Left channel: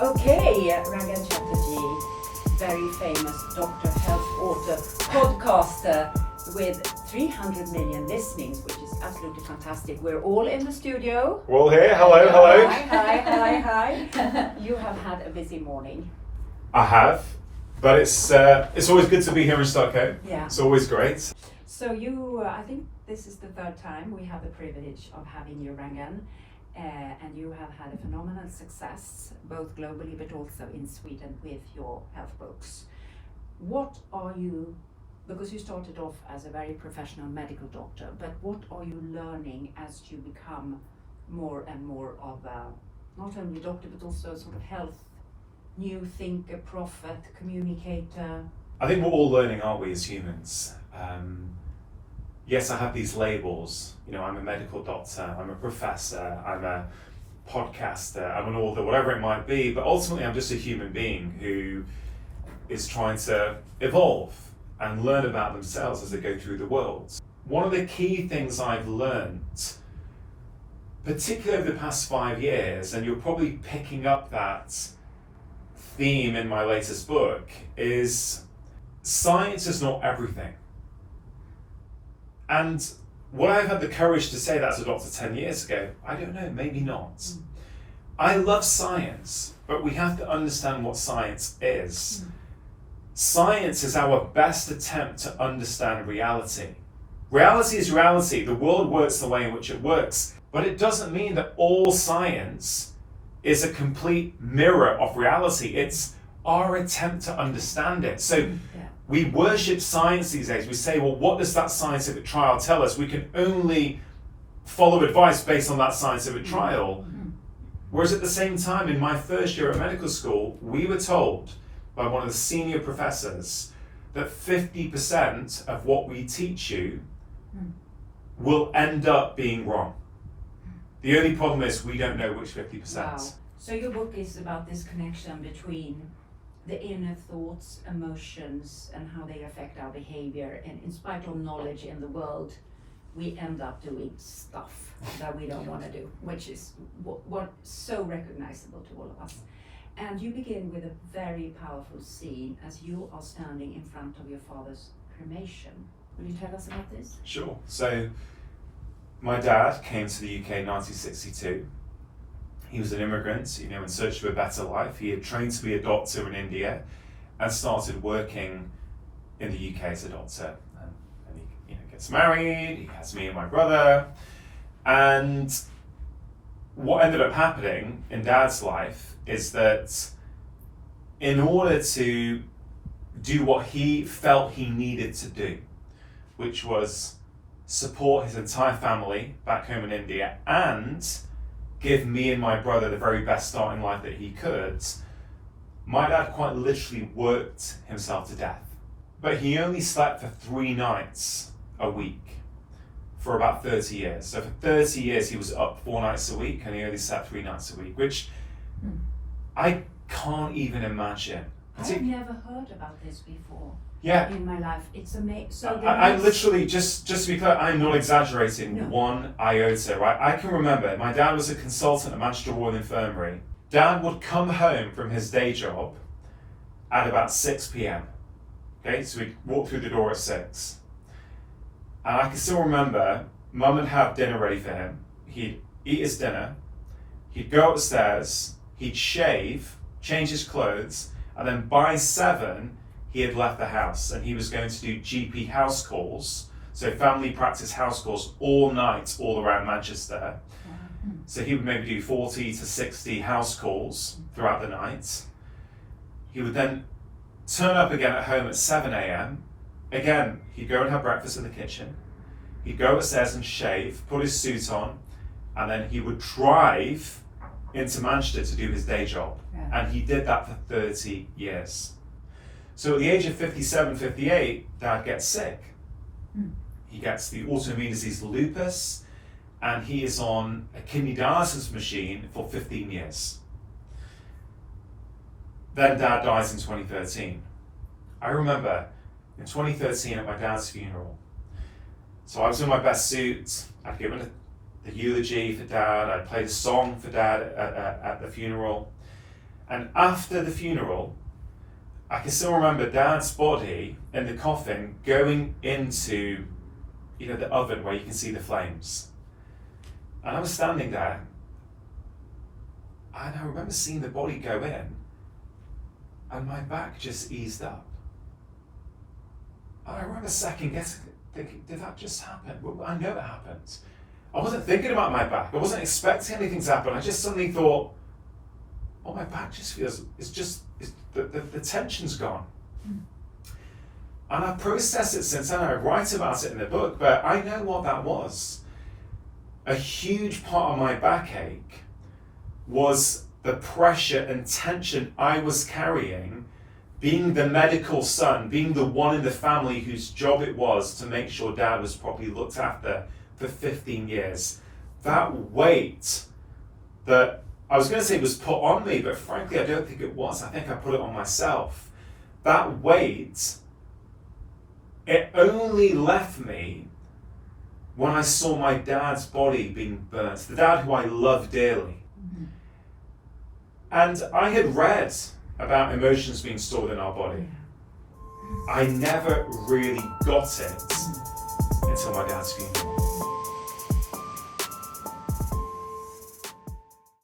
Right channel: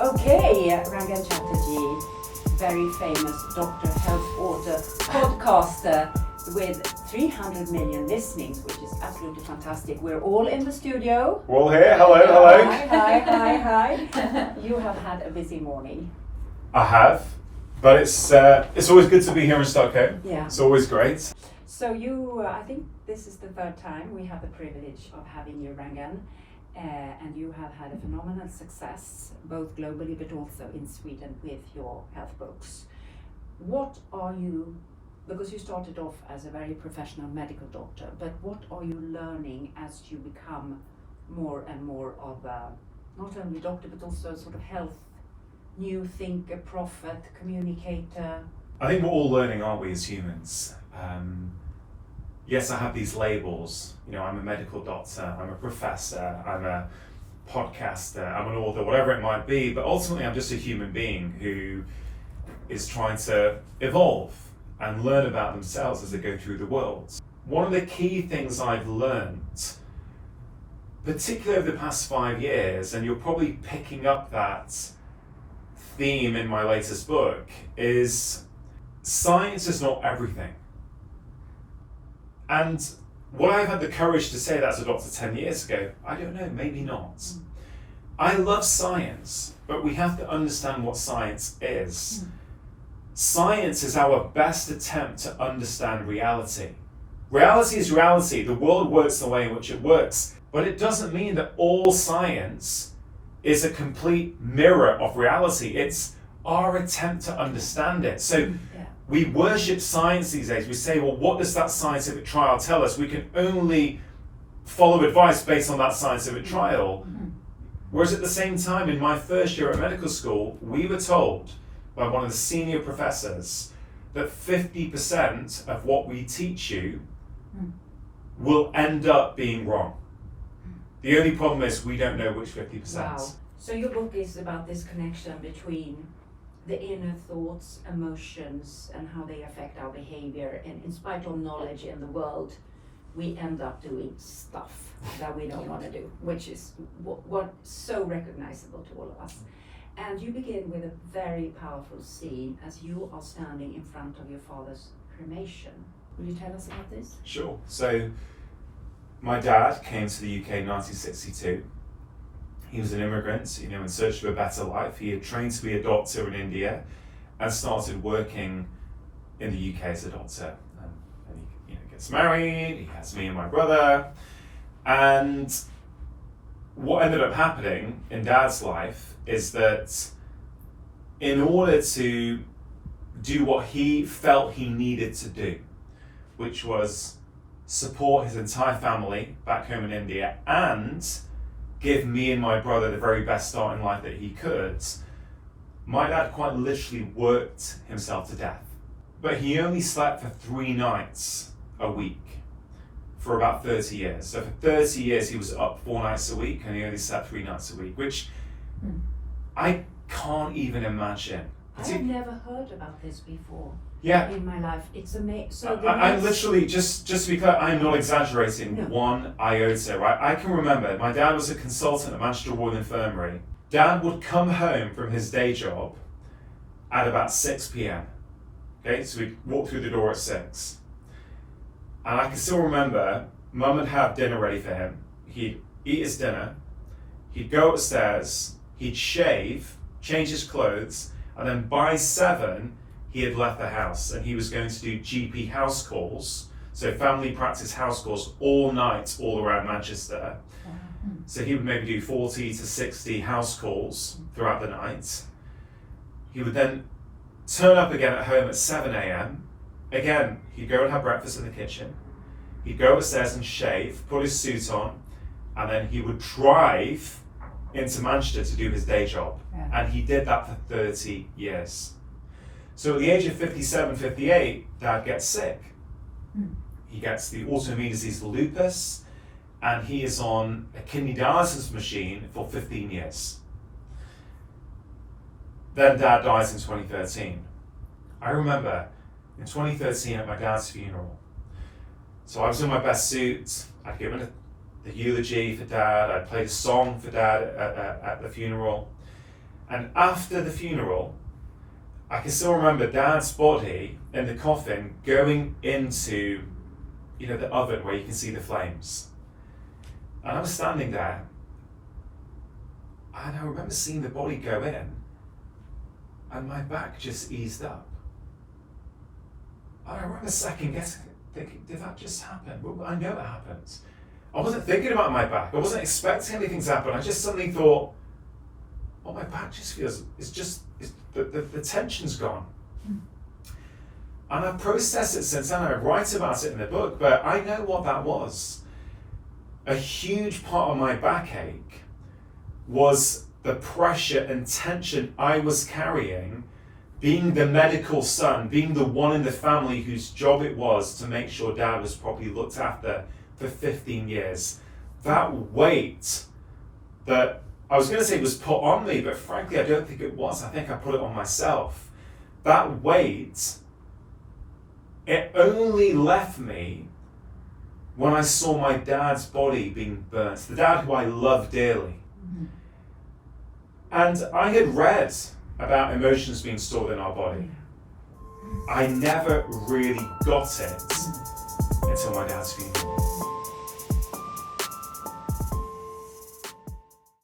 Okay, Rangan Chatterjee, very famous Dr. Health author, podcaster with 300 million listenings, which is absolutely fantastic. We're all in the studio. We're all here. Hello. Hi. You have had a busy morning. I have, but it's always good to be here in Stockholm. Yeah. It's always great. So you, I think this is the third time we have the privilege of having you, Rangan. And you have had a phenomenal success, both globally but also in Sweden with your health books. What are you, because you started off as a very professional medical doctor, but what are you learning as you become more and more of a, not only doctor, but also sort of health, new thinker, prophet, communicator? I think we're all learning, aren't we, as humans? Yes, I have these labels. You know, I'm a medical doctor, I'm a professor, I'm a podcaster, I'm an author, whatever it might be, but ultimately I'm just a human being who is trying to evolve and learn about themselves as they go through the world. One of the key things I've learned, particularly over the past 5 years, and you're probably picking up that theme in my latest book, is science is not everything. And would I have had the courage to say that as a doctor 10 years ago? I don't know, maybe not. I love science, but we have to understand what science is. Science is our best attempt to understand reality. Reality is reality. The world works the way in which it works, but it doesn't mean that all science is a complete mirror of reality. It's our attempt to understand it. So we worship science these days. We say, well, what does that scientific trial tell us? We can only follow advice based on that scientific trial. Whereas at the same time, in my first year at medical school, we were told by one of the senior professors that 50% of what we teach you will end up being wrong. The only problem is we don't know which 50%. Wow. So your book is about this connection between the inner thoughts, emotions, and how they affect our behavior. And in spite of knowledge in the world, we end up doing stuff that we don't want to do, which is what so recognizable to all of us. And you begin with a very powerful scene as you are standing in front of your father's cremation. Will you tell us about this? Sure. So my dad came to the UK in 1962. He was an immigrant, you know, in search of a better life. He had trained to be a doctor in India and started working in the UK as a doctor. And he gets married, he has me and my brother. And what ended up happening in Dad's life is that in order to do what he felt he needed to do, which was support his entire family back home in India and give me and my brother the very best start in life that he could, my dad quite literally worked himself to death. But he only slept for 3 nights a week for about 30 years. So for 30 years he was up 4 nights a week and he only slept 3 nights a week, which I can't even imagine. I've never heard about this before. Yeah. In my life, it's amazing. So I literally, just to be clear, I'm not exaggerating one iota, right? I can remember, my dad was a consultant at Manchester Royal Infirmary. Dad would come home from his day job at about 6 p.m. Okay, so we'd walk through the door at 6. And I can still remember, Mum would have dinner ready for him. He'd eat his dinner, he'd go upstairs, he'd shave, change his clothes, and then by 7, he had left the house and he was going to do GP house calls, so family practice house calls all night, all around Manchester. So he would maybe do 40 to 60 house calls throughout the night. He would then turn up again at home at 7 a.m. Again, he'd go and have breakfast in the kitchen. He'd go upstairs and shave, put his suit on, and then he would drive into Manchester to do his day job. And he did that for 30 years. So at the age of 57, 58, Dad gets sick. He gets the autoimmune disease lupus, and he is on a kidney dialysis machine for 15 years. Then Dad dies in 2013. I remember in 2013 at my dad's funeral. So I was in my best suit, I'd given the eulogy for Dad, I'd played a song for Dad at the funeral. And after the funeral, I can still remember Dad's body in the coffin going into, the oven where you can see the flames. And I was standing there, and I remember seeing the body go in, and my back just eased up. And I remember second guessing, thinking, did that just happen? Well, I know it happened. I wasn't thinking about my back. I wasn't expecting anything to happen. I just suddenly thought, oh, my back just feels, the tension's gone. And I've processed it since then. I write about it in the book, but I know what that was. A huge part of my backache was the pressure and tension I was carrying, being the medical son, being the one in the family whose job it was to make sure Dad was properly looked after for 15 years. That weight that I was going to say was put on me, but frankly I don't think it was. I think I put it on myself. That weight, it only left me when I saw my dad's body being burnt, the dad who I love dearly. Mm-hmm. And I had read about emotions being stored in our body. I never really got it until my dad's funeral.